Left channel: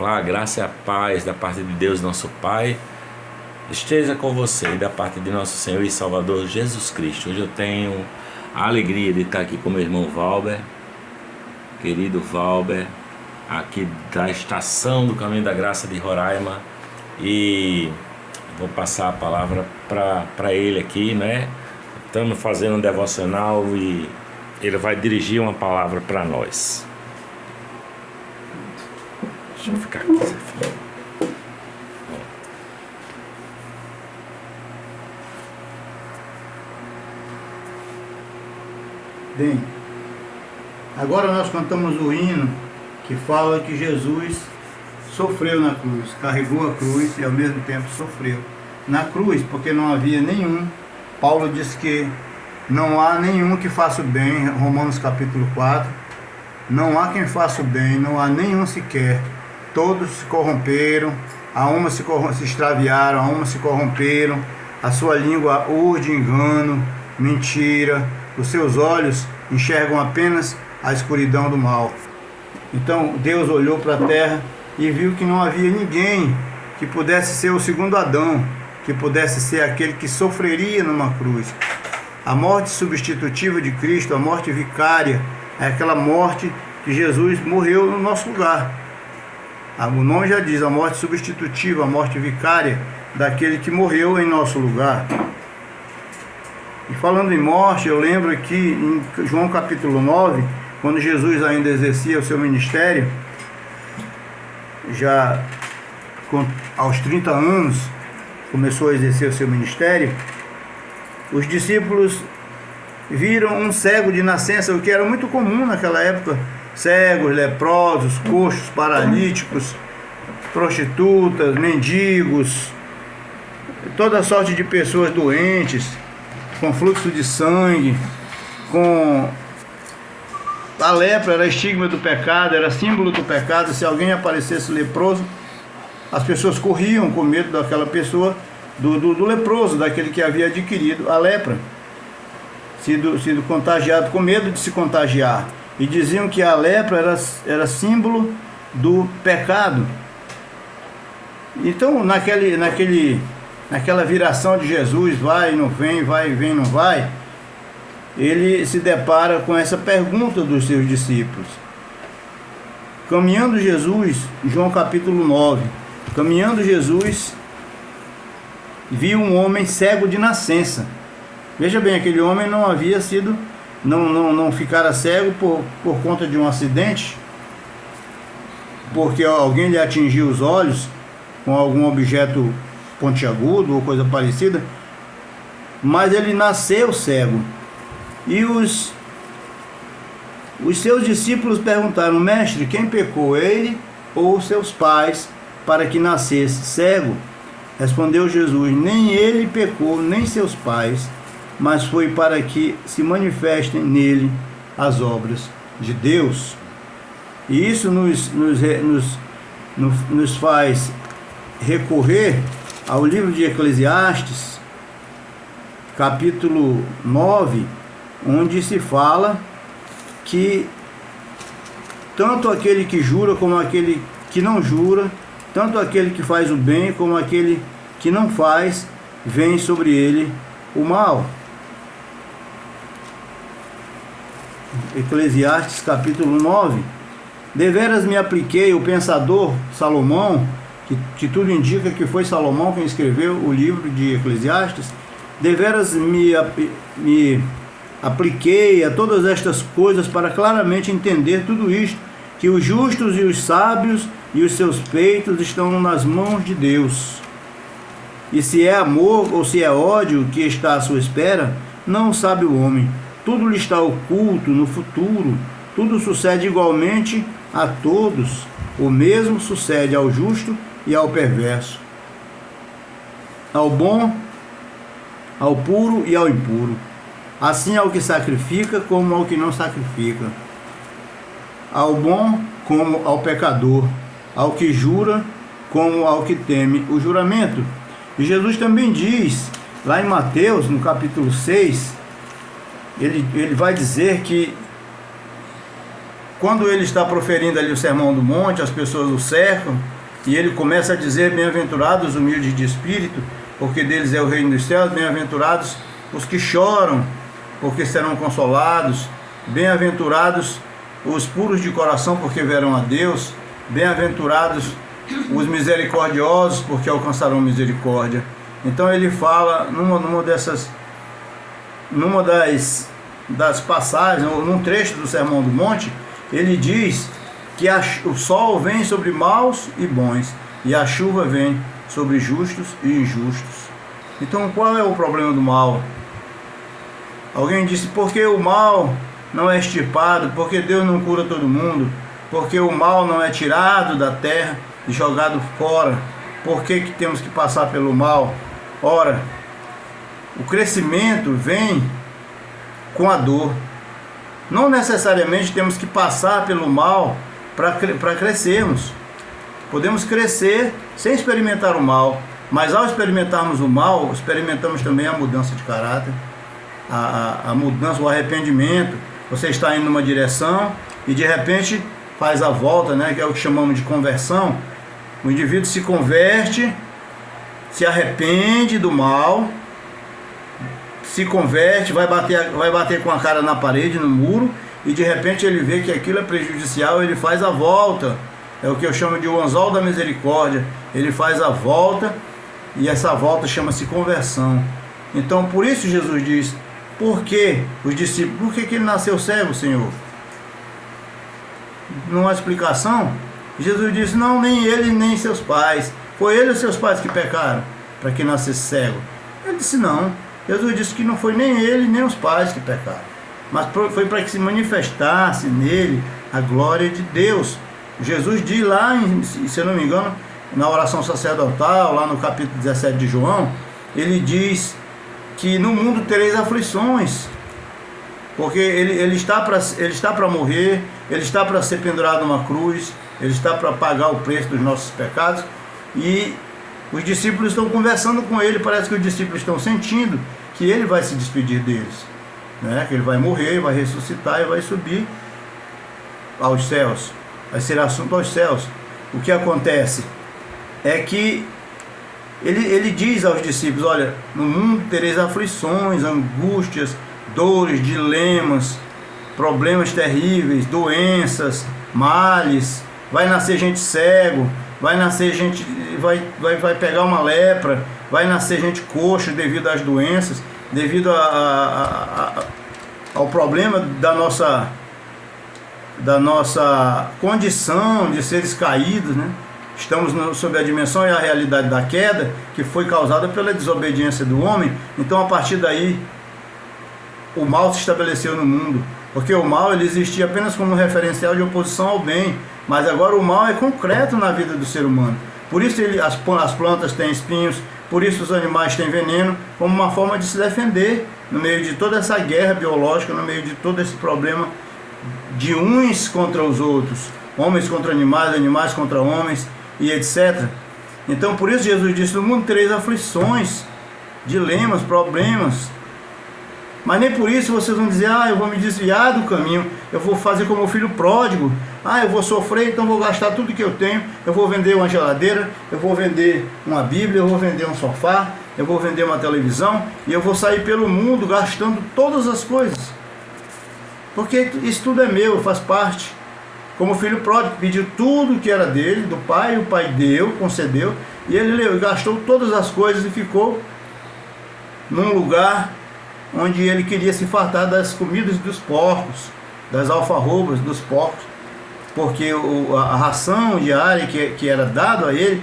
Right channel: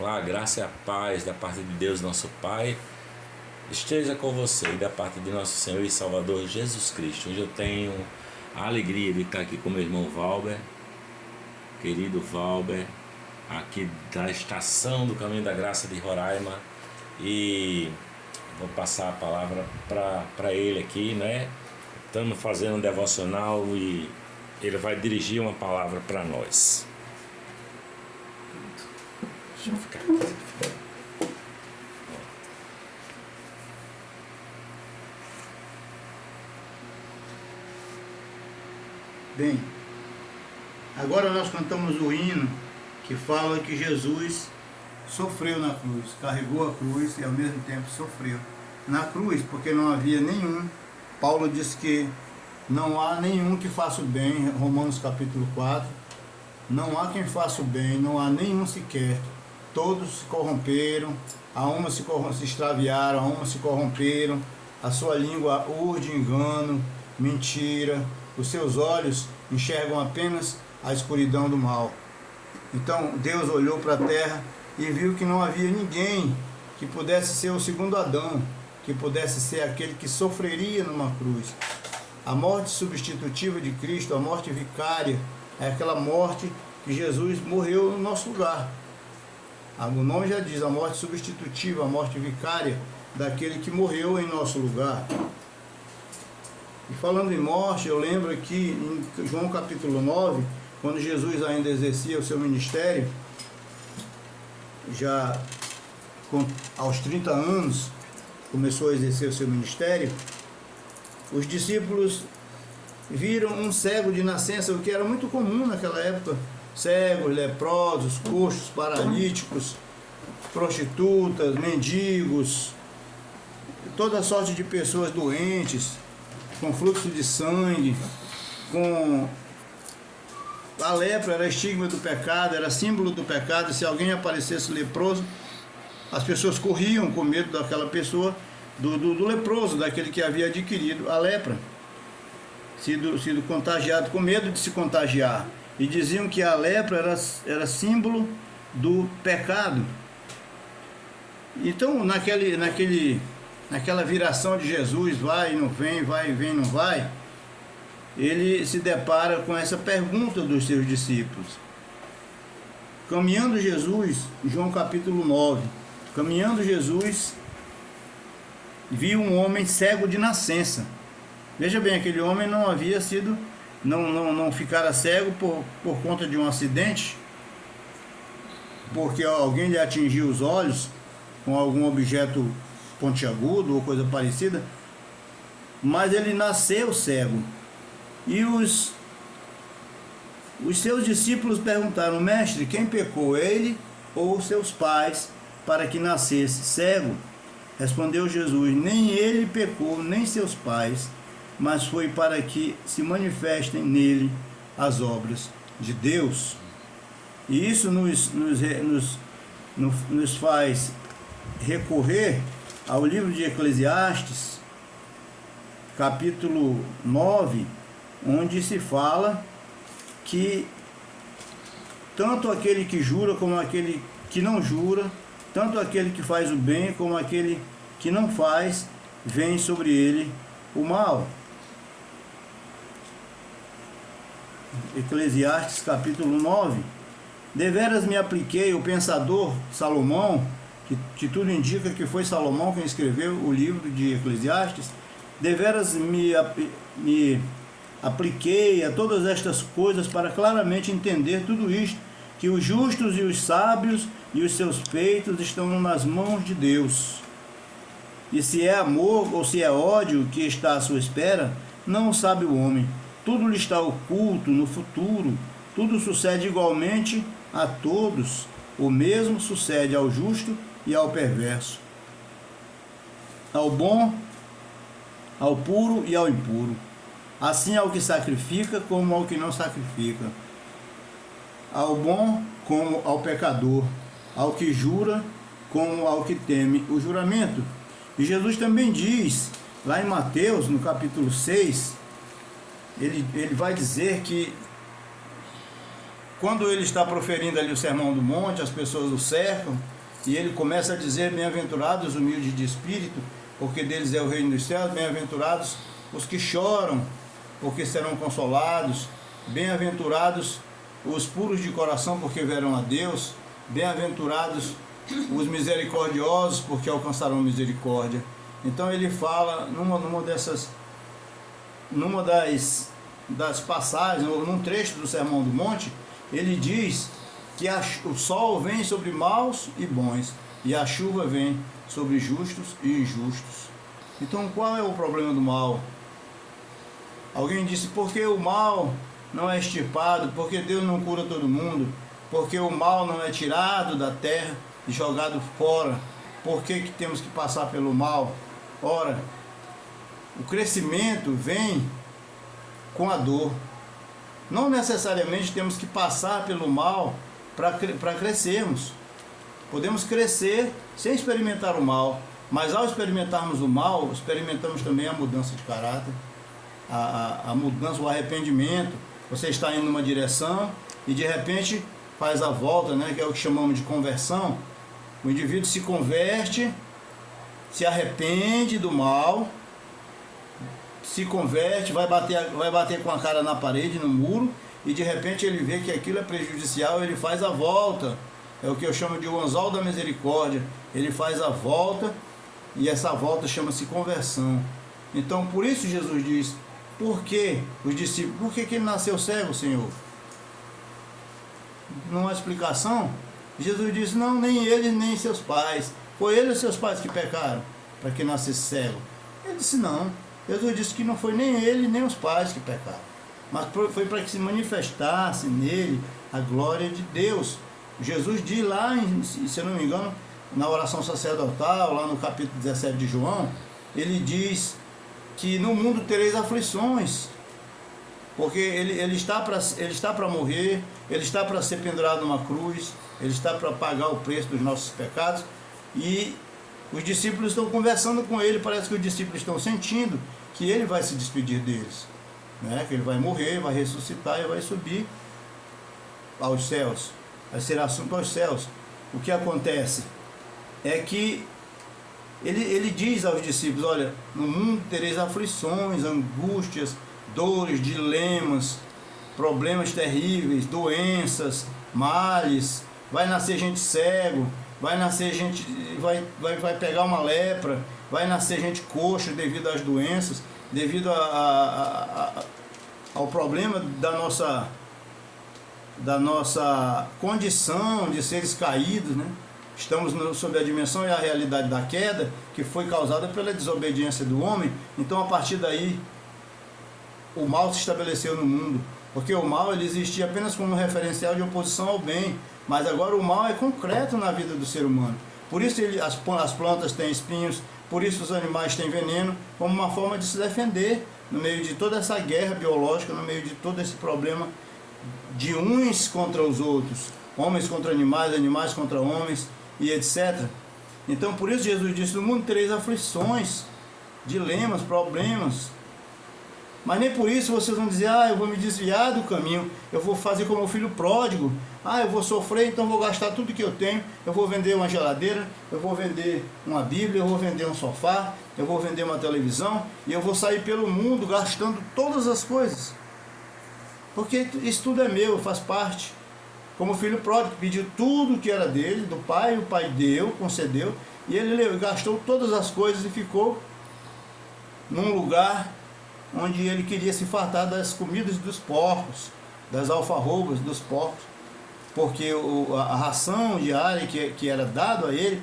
A graça e a paz da parte de Deus, nosso Pai, esteja com você e da parte de nosso Senhor e Salvador Jesus Cristo. Hoje eu tenho a alegria de estar aqui com meu irmão Valber, querido Valber, aqui da estação do Caminho da Graça de Roraima, e vou passar a palavra para ele aqui, né? Estamos fazendo um devocional e ele vai dirigir uma palavra para nós. Deixa eu ficar aqui, Zé Filho. Bem, agora nós cantamos o hino que fala que Jesus sofreu na cruz, carregou a cruz e ao mesmo tempo sofreu na cruz, porque não havia nenhum. Paulo diz que não há nenhum que faça o bem, Romanos capítulo 4, não há quem faça o bem, não há nenhum sequer. Todos se corromperam, a uma se extraviaram, a uma se corromperam, a sua língua urde engano, mentira, os seus olhos enxergam apenas a escuridão do mal. Então Deus olhou para a terra e viu que não havia ninguém que pudesse ser o segundo Adão, que pudesse ser aquele que sofreria numa cruz. A morte substitutiva de Cristo, a morte vicária, é aquela morte que Jesus morreu no nosso lugar. O nome já diz, a morte substitutiva, a morte vicária daquele que morreu em nosso lugar. E falando em morte, eu lembro aqui em João capítulo 9, quando Jesus ainda exercia o seu ministério, já aos 30 anos, começou a exercer o seu ministério, os discípulos viram um cego de nascença, o que era muito comum naquela época, cegos, leprosos, coxos, paralíticos, prostitutas, mendigos, toda sorte de pessoas doentes, com fluxo de sangue, com a lepra era estigma do pecado, era símbolo do pecado. Se alguém aparecesse leproso, as pessoas corriam com medo daquela pessoa, do leproso, daquele que havia adquirido a lepra, sido contagiado, com medo de se contagiar. E diziam que a lepra era símbolo do pecado. Então, naquela viração de Jesus, vai e não vem, vai e vem e não vai, ele se depara com essa pergunta dos seus discípulos. Caminhando Jesus, João capítulo 9, caminhando Jesus, viu um homem cego de nascença. Veja bem, aquele homem não havia sido, não ficara cego por conta de um acidente, porque alguém lhe atingiu os olhos com algum objeto pontiagudo ou coisa parecida, mas ele nasceu cego. E os seus discípulos perguntaram: mestre, quem pecou, ele ou seus pais, para que nascesse cego? Respondeu Jesus: nem ele pecou, nem seus pais, mas foi para que se manifestem nele as obras de Deus. E isso nos faz recorrer ao livro de Eclesiastes, capítulo 9, onde se fala que tanto aquele que jura como aquele que não jura, tanto aquele que faz o bem como aquele que não faz, vem sobre ele o mal. Eclesiastes capítulo 9. Deveras me apliquei, o pensador Salomão, que tudo indica que foi Salomão quem escreveu o livro de Eclesiastes, deveras me apliquei a todas estas coisas para claramente entender tudo isto, que os justos e os sábios e os seus peitos estão nas mãos de Deus. E se é amor ou se é ódio que está à sua espera, não sabe o homem. Tudo lhe está oculto no futuro, tudo sucede igualmente a todos. O mesmo sucede ao justo e ao perverso, ao bom, ao puro e ao impuro, assim ao que sacrifica como ao que não sacrifica, ao bom como ao pecador, ao que jura como ao que teme o juramento. E Jesus também diz, lá em Mateus, no capítulo 6, ele vai dizer que quando ele está proferindo ali o Sermão do Monte, as pessoas o cercam, e ele começa a dizer: bem-aventurados os humildes de espírito, porque deles é o reino dos céus, bem-aventurados os que choram, porque serão consolados, bem-aventurados os puros de coração, porque verão a Deus, bem-aventurados os misericordiosos, porque alcançarão misericórdia. Então ele fala numa das passagens, num trecho do Sermão do Monte, ele diz que o sol vem sobre maus e bons, e a chuva vem sobre justos e injustos. Então qual é o problema do mal? Alguém disse: porque o mal não é extirpado, porque Deus não cura todo mundo, porque o mal não é tirado da terra e jogado fora, por que temos que passar pelo mal? Ora, o crescimento vem com a dor. Não necessariamente temos que passar pelo mal para crescermos. Podemos crescer sem experimentar o mal, mas ao experimentarmos o mal, experimentamos também a mudança de caráter, a mudança, o arrependimento. Você está indo numa direção e de repente faz a volta, né, que é o que chamamos de conversão. O indivíduo se converte, se arrepende do mal, se converte, vai bater com a cara na parede, no muro, e de repente ele vê que aquilo é prejudicial, ele faz a volta. É o que eu chamo de o anzol da misericórdia. Ele faz a volta, e essa volta chama-se conversão. Então por isso Jesus diz: por que os discípulos, por que ele nasceu cego, Senhor? Não há explicação. Jesus disse: não, nem ele nem seus pais. Foi ele e seus pais que pecaram para que nascesse cego. Ele disse: não. Jesus disse que não foi nem ele nem os pais que pecaram, mas foi para que se manifestasse nele a glória de Deus. Jesus diz lá, se eu não me engano, na oração sacerdotal, lá no capítulo 17 de João, ele diz que no mundo tereis aflições, porque ele está para morrer, ele está para ser pendurado numa cruz, ele está para pagar o preço dos nossos pecados, e os discípulos estão conversando com ele. Parece que os discípulos estão sentindo que ele vai se despedir deles, né? Que ele vai morrer, vai ressuscitar e vai subir aos céus, vai ser assunto aos céus. O que acontece é que ele diz aos discípulos: olha, no mundo tereis aflições, angústias, dores, dilemas, problemas terríveis, doenças, males, vai nascer gente cego, vai nascer gente, vai pegar uma lepra, vai nascer gente coxa devido às doenças, devido ao problema da nossa condição de seres caídos, né? Estamos sob a dimensão e a realidade da queda, que foi causada pela desobediência do homem. Então, a partir daí, o mal se estabeleceu no mundo, porque o mal ele existia apenas como referencial de oposição ao bem, mas agora o mal é concreto na vida do ser humano. Por isso as plantas têm espinhos, por isso os animais têm veneno, como uma forma de se defender no meio de toda essa guerra biológica, no meio de todo esse problema de uns contra os outros, homens contra animais, animais contra homens e etc. Então por isso Jesus disse: no mundo tereis aflições, dilemas, problemas, mas nem por isso vocês vão dizer: eu vou me desviar do caminho, eu vou fazer como o filho pródigo, eu vou sofrer, então vou gastar tudo que eu tenho, eu vou vender uma geladeira, eu vou vender uma Bíblia, eu vou vender um sofá, eu vou vender uma televisão, e eu vou sair pelo mundo gastando todas as coisas, porque isso tudo é meu, faz parte. Como o filho pródigo, pediu tudo que era dele, do pai, o pai deu, concedeu, e ele gastou todas as coisas e ficou num lugar onde ele queria se fartar das comidas dos porcos, das alfarrobas dos porcos, porque a ração diária que era dada a ele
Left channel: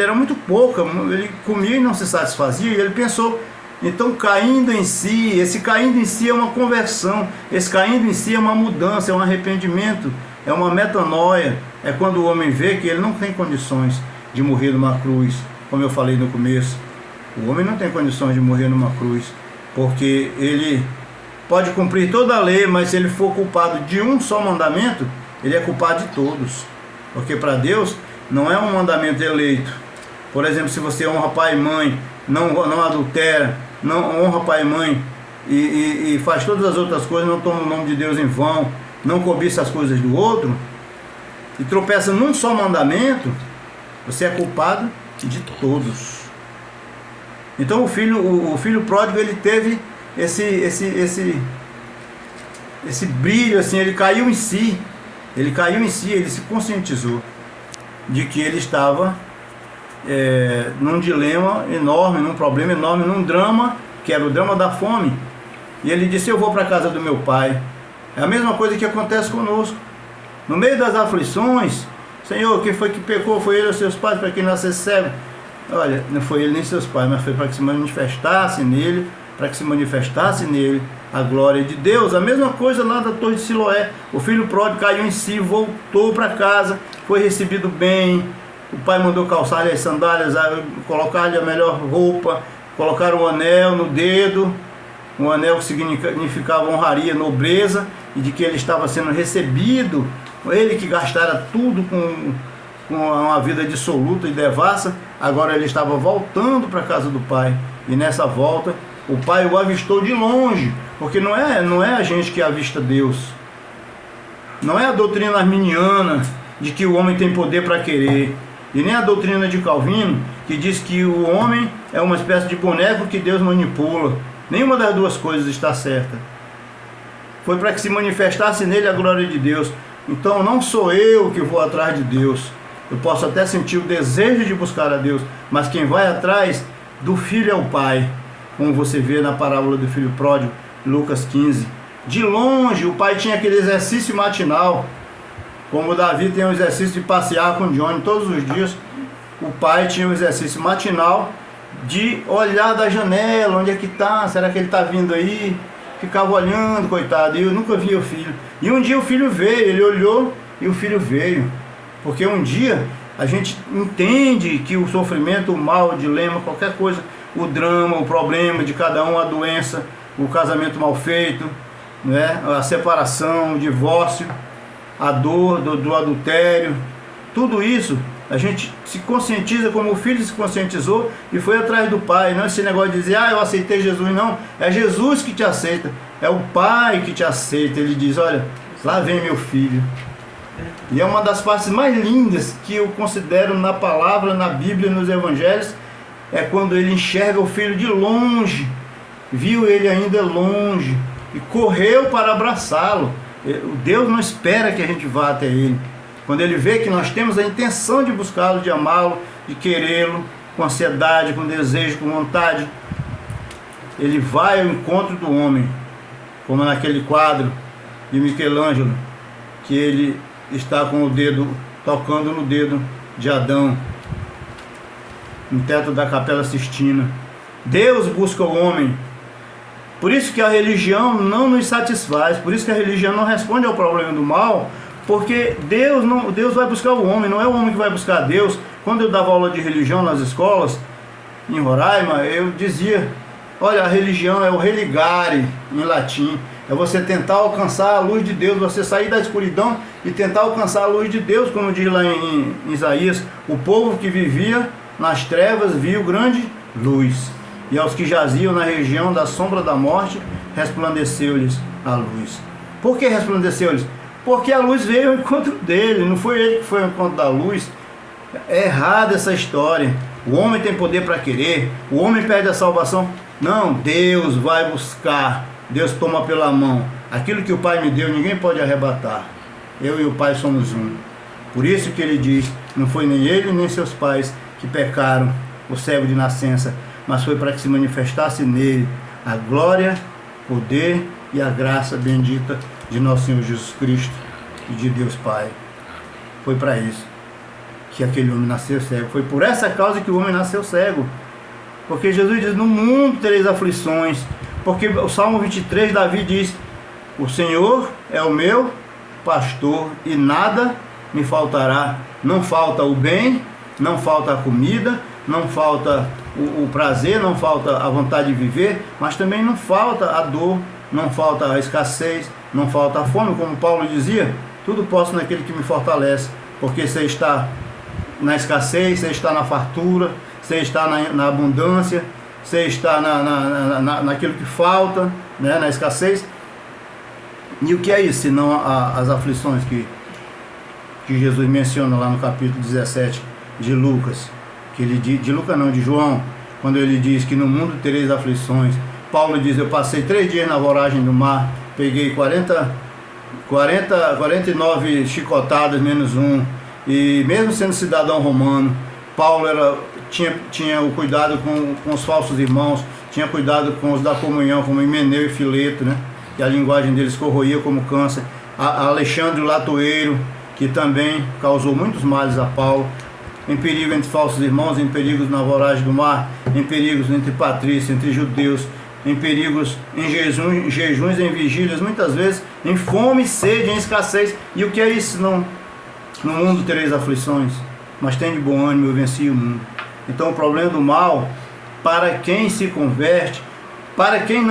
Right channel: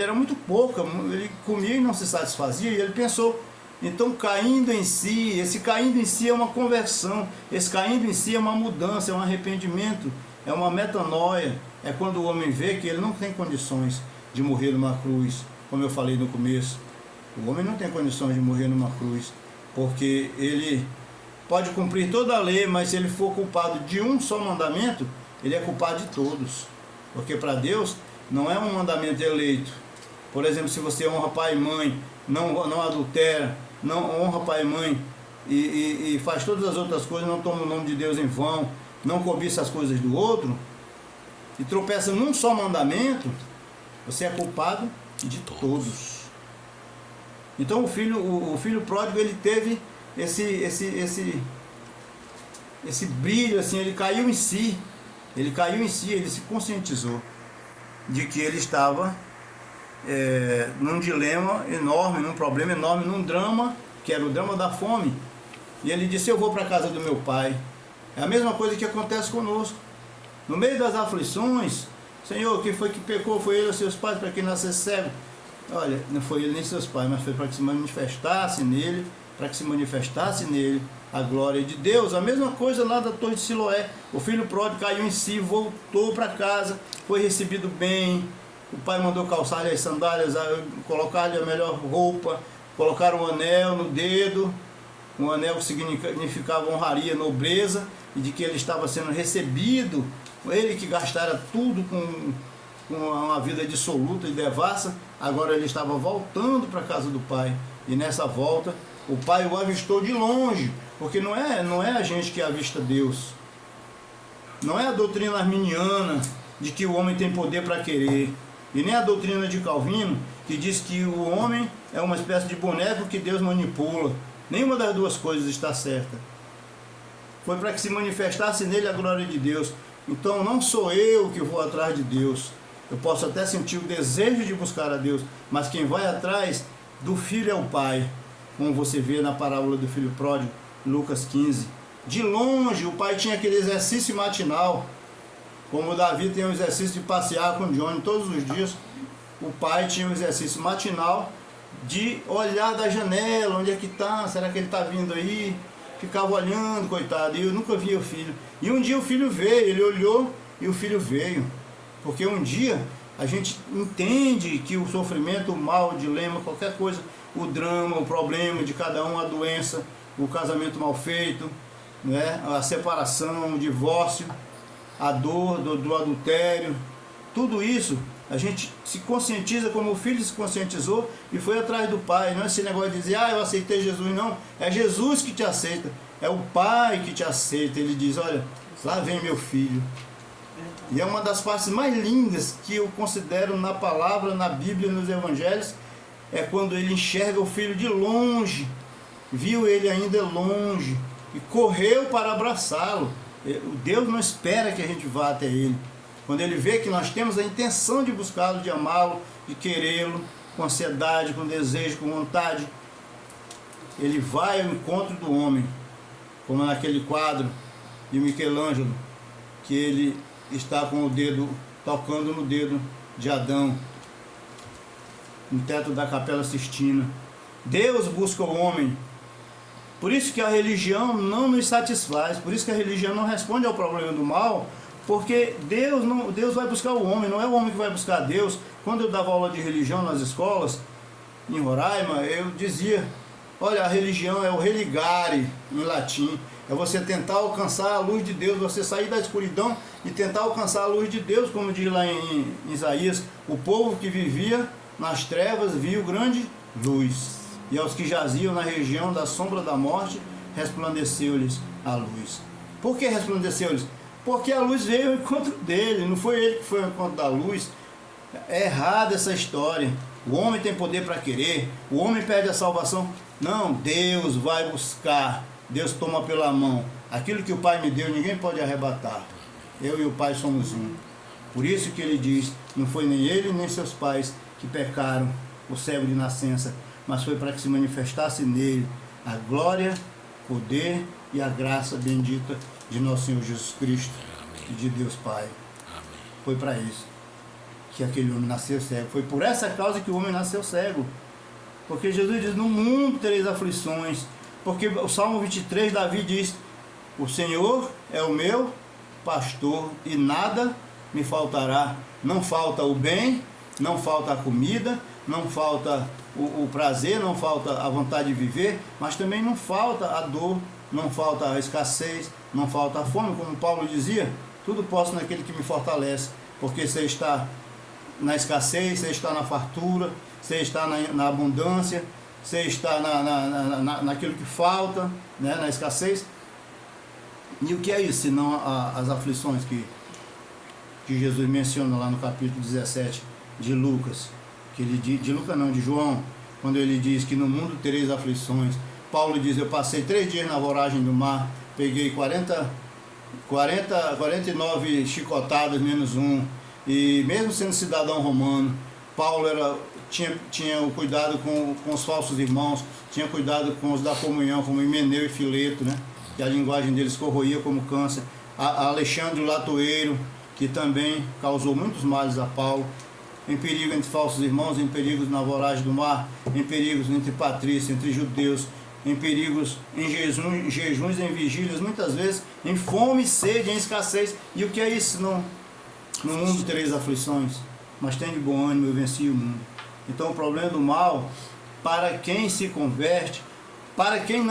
era muito pouca, ele comia e não se satisfazia, e ele pensou: então caindo em si, esse caindo em si é uma conversão, esse caindo em si é uma mudança, é um arrependimento, é uma metanoia, é quando o homem vê que ele não tem condições de morrer numa cruz, como eu falei no começo. O homem não tem condições de morrer numa cruz, porque ele pode cumprir toda a lei, mas se ele for culpado de um só mandamento, ele é culpado de todos, porque para Deus não é um mandamento eleito. Por exemplo, se você honra pai e mãe, não adultera, não honra pai e mãe e faz todas as outras coisas, não toma o nome de Deus em vão, não cobiça as coisas do outro, e tropeça num só mandamento, você é culpado de todos. Então o filho pródigo, ele teve esse brilho, assim, ele caiu em si, ele se conscientizou de que ele estava num dilema enorme, num problema enorme, num drama, que era o drama da fome. E ele disse: eu vou para a casa do meu pai. É a mesma coisa que acontece conosco. No meio das aflições, Senhor, quem foi que pecou? Foi ele ou seus pais para que nascesse cego? Olha, não foi ele nem seus pais, mas foi para que se manifestasse nele, a glória de Deus. A mesma coisa lá da Torre de Siloé. O filho pródigo caiu em si, voltou para casa, foi recebido bem. O pai mandou calçar-lhe as sandálias, colocar-lhe a melhor roupa, colocar um anel no dedo, um anel que significava honraria, nobreza, e de que ele estava sendo recebido. Ele que gastara tudo com uma vida dissoluta e devassa, agora ele estava voltando para a casa do pai. E nessa volta, o pai o avistou de longe, porque não é a gente que avista Deus. Não é a doutrina arminiana de que o homem tem poder para querer, e nem a doutrina de Calvino, que diz que o homem é uma espécie de boneco que Deus manipula. Nenhuma das duas coisas está certa. Foi para que se manifestasse nele a glória de Deus. Então não sou eu que vou atrás de Deus. Eu posso até sentir o desejo de buscar a Deus, mas quem vai atrás do filho é o pai, como você vê na parábola do filho pródigo, Lucas 15. De longe, o pai tinha aquele exercício matinal, como o Davi tem o exercício de passear com o Johnny todos os dias. O pai tinha o exercício matinal de olhar da janela, onde é que está, será que ele está vindo aí? Ficava olhando, coitado, e eu nunca via o filho. E um dia o filho veio, ele olhou e o filho veio. Porque um dia a gente entende que o sofrimento, o mal, o dilema, qualquer coisa, o drama, o problema de cada um, a doença, o casamento mal feito, né? A separação, o divórcio, a dor do adultério, tudo isso a gente se conscientiza como o filho se conscientizou e foi atrás do pai. Não é esse negócio de dizer: eu aceitei Jesus. Não, é Jesus que te aceita, é o pai que te aceita. Ele diz: olha, lá vem meu filho. E é uma das partes mais lindas que eu considero na palavra, na Bíblia, nos evangelhos, é quando ele enxerga o filho de longe, viu ele ainda longe e correu para abraçá-lo. Deus não espera que a gente vá até ele. Quando ele vê que nós temos a intenção de buscá-lo, de amá-lo, de querê-lo, com ansiedade, com desejo, com vontade, ele vai ao encontro do homem, como naquele quadro de Michelangelo, que ele está com o dedo, tocando no dedo de Adão, no teto da Capela Sistina. Deus busca o homem. Por isso que a religião não nos satisfaz, por isso que a religião não responde ao problema do mal, porque Deus vai buscar o homem, não é o homem que vai buscar Deus. Quando eu dava aula de religião nas escolas, em Roraima, eu dizia: olha, a religião é o religare, em latim, é você tentar alcançar a luz de Deus, você sair da escuridão e tentar alcançar a luz de Deus, como diz lá em Isaías: o povo que vivia nas trevas viu grande luz, e aos que jaziam na região da sombra da morte, resplandeceu-lhes a luz. Por que resplandeceu-lhes? Porque a luz veio ao encontro dele, não foi ele que foi ao encontro da luz. É errada essa história. O homem tem poder para querer, o homem perde a salvação. Não, Deus vai buscar, Deus toma pela mão. Aquilo que o Pai me deu, ninguém pode arrebatar. Eu e o Pai somos um. Por isso que ele diz: não foi nem ele nem seus pais que pecaram, o cego de nascença, mas foi para que se manifestasse nele a glória, o poder e a graça bendita de nosso Senhor Jesus Cristo e de Deus Pai. Foi para isso que aquele homem nasceu cego. Foi por essa causa que o homem nasceu cego. Porque Jesus diz: no mundo tereis aflições. Porque o Salmo 23, Davi diz: o Senhor é o meu pastor e nada me faltará. Não falta o bem, não falta a comida, não falta o prazer, não falta a vontade de viver, mas também não falta a dor, não falta a escassez, não falta a fome, como Paulo dizia: tudo posso naquele que me fortalece. Porque você está na escassez, você está na fartura, você está na abundância, você está naquilo que falta, né, na escassez. E o que é isso, senão as aflições que Jesus menciona lá no capítulo 17 de Lucas, que ele diz, de Lucas não, de João, quando ele diz que no mundo tereis aflições. Paulo diz, eu passei 3 dias na voragem do mar, peguei 49 chicotadas menos um, e mesmo sendo cidadão romano, Paulo tinha o cuidado com os falsos irmãos, tinha cuidado com os da comunhão, como Himeneu e Fileto, né? Que a linguagem deles corroía como câncer. Alexandre o Latoeiro, que também causou muitos males a Paulo, em perigo entre falsos irmãos, em perigos na voragem do mar, em perigos entre patrícios, entre judeus, em perigos em jejuns, em vigílias, muitas vezes em fome, sede, em escassez. E o que é isso? Não, no mundo tereis aflições, mas tem de bom ânimo, eu venci o mundo. Então o problema do mal, para quem se converte, para quem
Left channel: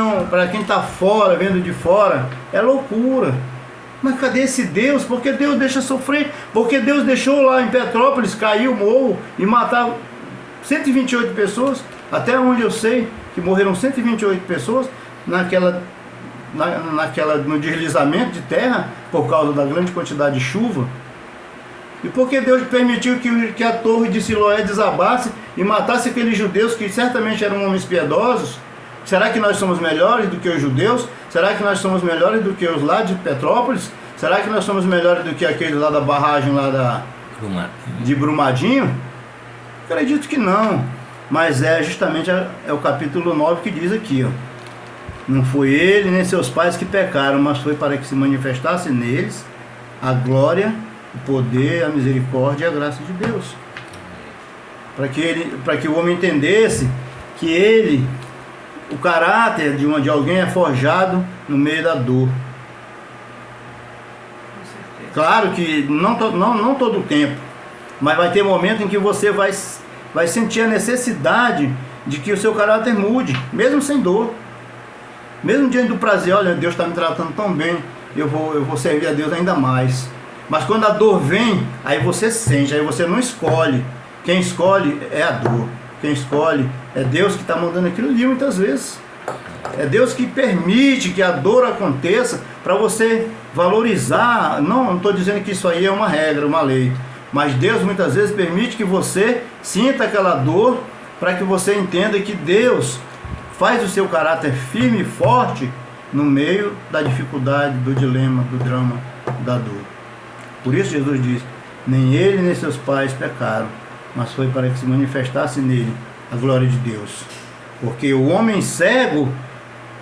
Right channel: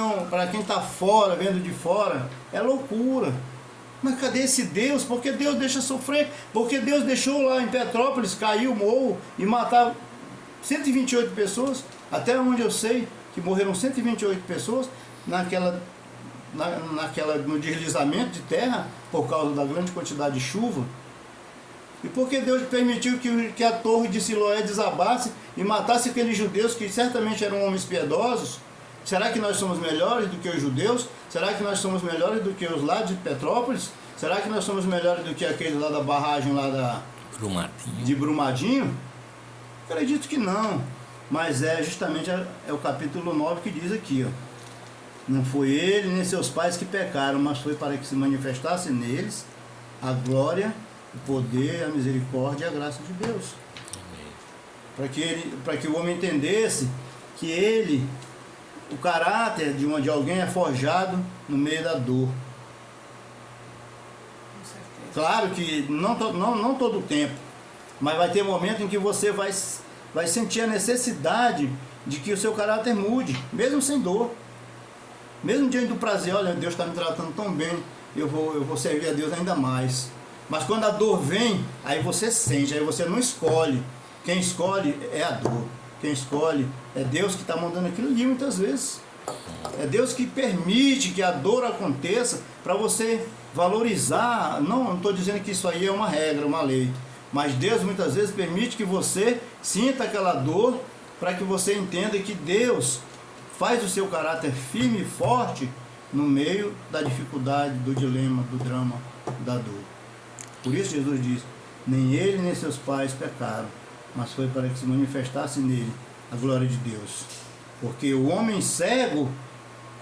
está fora, vendo de fora, é loucura. Mas cadê esse Deus? Porque Deus deixa sofrer, porque Deus deixou lá em Petrópolis cair o morro e matar 128 pessoas, até onde eu sei que morreram 128 pessoas no deslizamento de terra por causa da grande quantidade de chuva. E porque Deus permitiu que a torre de Siloé desabasse e matasse aqueles judeus que certamente eram homens piedosos. Será que nós somos melhores do que os judeus? Será que nós somos melhores do que os lá de Petrópolis? Será que nós somos melhores do que aqueles lá da barragem lá de Brumadinho? Acredito que não. Mas justamente o capítulo 9 que diz aqui, ó. Não foi ele nem seus pais que pecaram, mas foi para que se manifestasse neles a glória, o poder, a misericórdia e a graça de Deus. Para que o homem entendesse que o caráter de alguém é forjado no meio da dor. Claro que não todo o tempo, mas vai ter momento em que você vai sentir a necessidade de que o seu caráter mude, mesmo sem dor. Mesmo diante do prazer, olha, Deus está me tratando tão bem, eu vou servir a Deus ainda mais. Mas quando a dor vem, aí você sente, aí você não escolhe. Quem escolhe é a dor. Quem escolhe é Deus que está mandando aquilo ali muitas vezes. É Deus que permite que a dor aconteça para você valorizar. Não estou dizendo que isso aí é uma regra, uma lei. Mas Deus muitas vezes permite que você sinta aquela dor para que você entenda que Deus faz o seu caráter firme e forte no meio da dificuldade, do dilema, do drama, da dor. Por isso Jesus diz, nem ele nem seus pais pecaram, mas foi para que se manifestasse nele a glória de Deus. Porque o homem cego,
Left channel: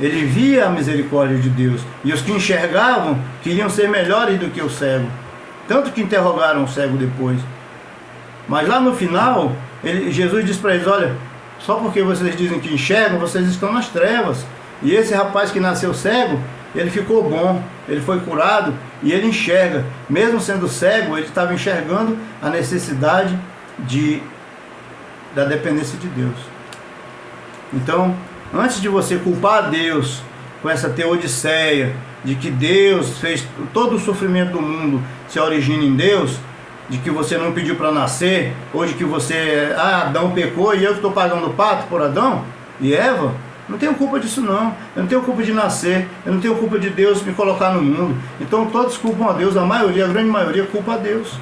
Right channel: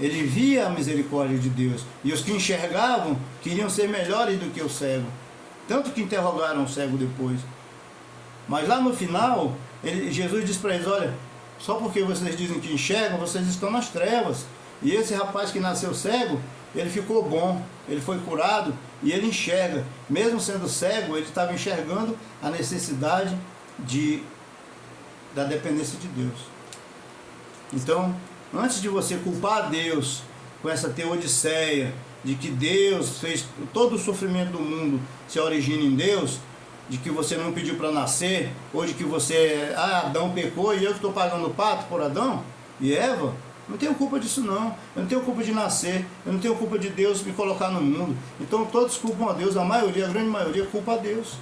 ele via a misericórdia de Deus, e os que enxergavam queriam ser melhores do que o cego, tanto que interrogaram o cego depois. Mas lá no final, Jesus diz para eles, olha, só porque vocês dizem que enxergam, vocês estão nas trevas. E esse rapaz que nasceu cego, ele ficou bom, ele foi curado e ele enxerga. Mesmo sendo cego, ele estava enxergando a necessidade da dependência de Deus. Então, antes de você culpar a Deus com essa teodiceia de que Deus fez todo o sofrimento do mundo se origina em Deus, de que você não pediu para nascer, ou de que Adão pecou e eu estou pagando o pato por Adão e Eva, não tenho culpa disso não. Eu não tenho culpa de nascer, eu não tenho culpa de Deus me colocar no mundo. Então todos culpam a Deus, a grande maioria culpa a Deus.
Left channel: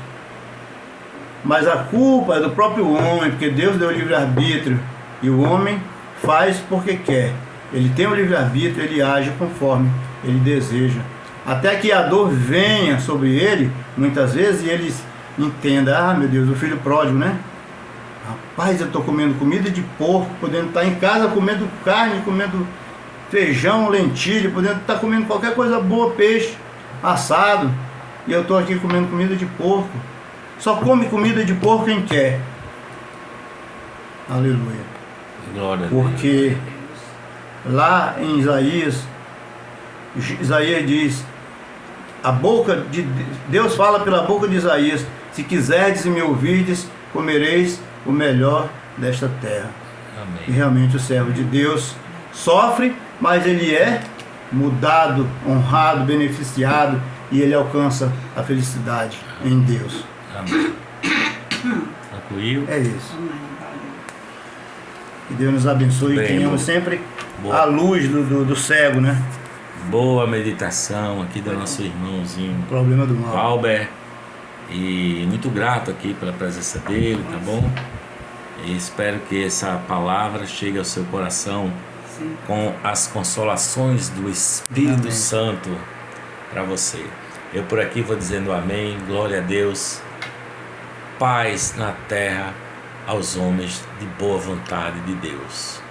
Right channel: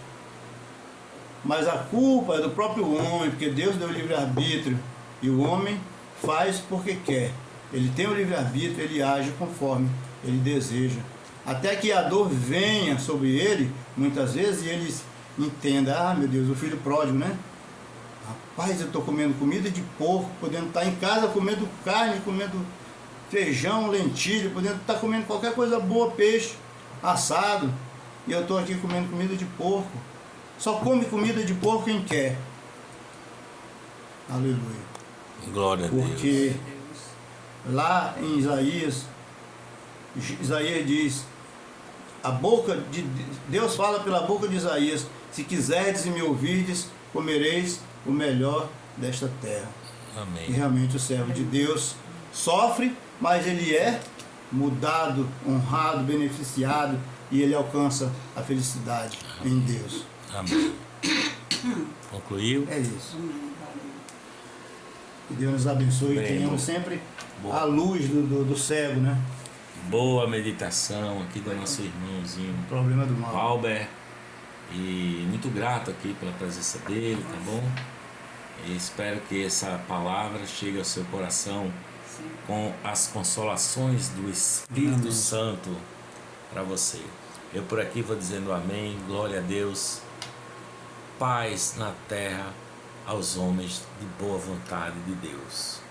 Mas a culpa é do próprio homem, porque Deus deu livre-arbítrio e o homem faz porque quer. Ele tem o livre-arbítrio, ele age conforme ele deseja. Até que a dor venha sobre ele, muitas vezes, e ele entenda, meu Deus, o filho pródigo, né? Rapaz, eu estou comendo comida de porco, podendo estar em casa comendo carne, comendo feijão, lentilha, podendo estar comendo qualquer coisa boa, peixe, assado, e eu estou aqui comendo comida de porco. Só come comida de porco quem quer. Aleluia. Glória a Deus. Porque lá em Isaías diz, Deus fala pela boca de Isaías, se quiserdes e me ouvirdes, comereis o melhor desta terra. Amém. E realmente o servo de Deus sofre, mas ele é mudado, honrado, beneficiado, e ele alcança a felicidade em Deus. Amém. Concluiu? É isso. Que Deus nos abençoe e tenhamos sempre a luz do cego, né? boa meditação aqui do nosso irmãozinho Problema do mal. Valber. E muito grato aqui pela presença dele, tá bom? E espero que essa palavra chegue ao seu coração com as consolações do Espírito Amém. Santo para você. Eu por aqui vou dizendo amém, glória a Deus, paz na terra aos homens de boa vontade de Deus.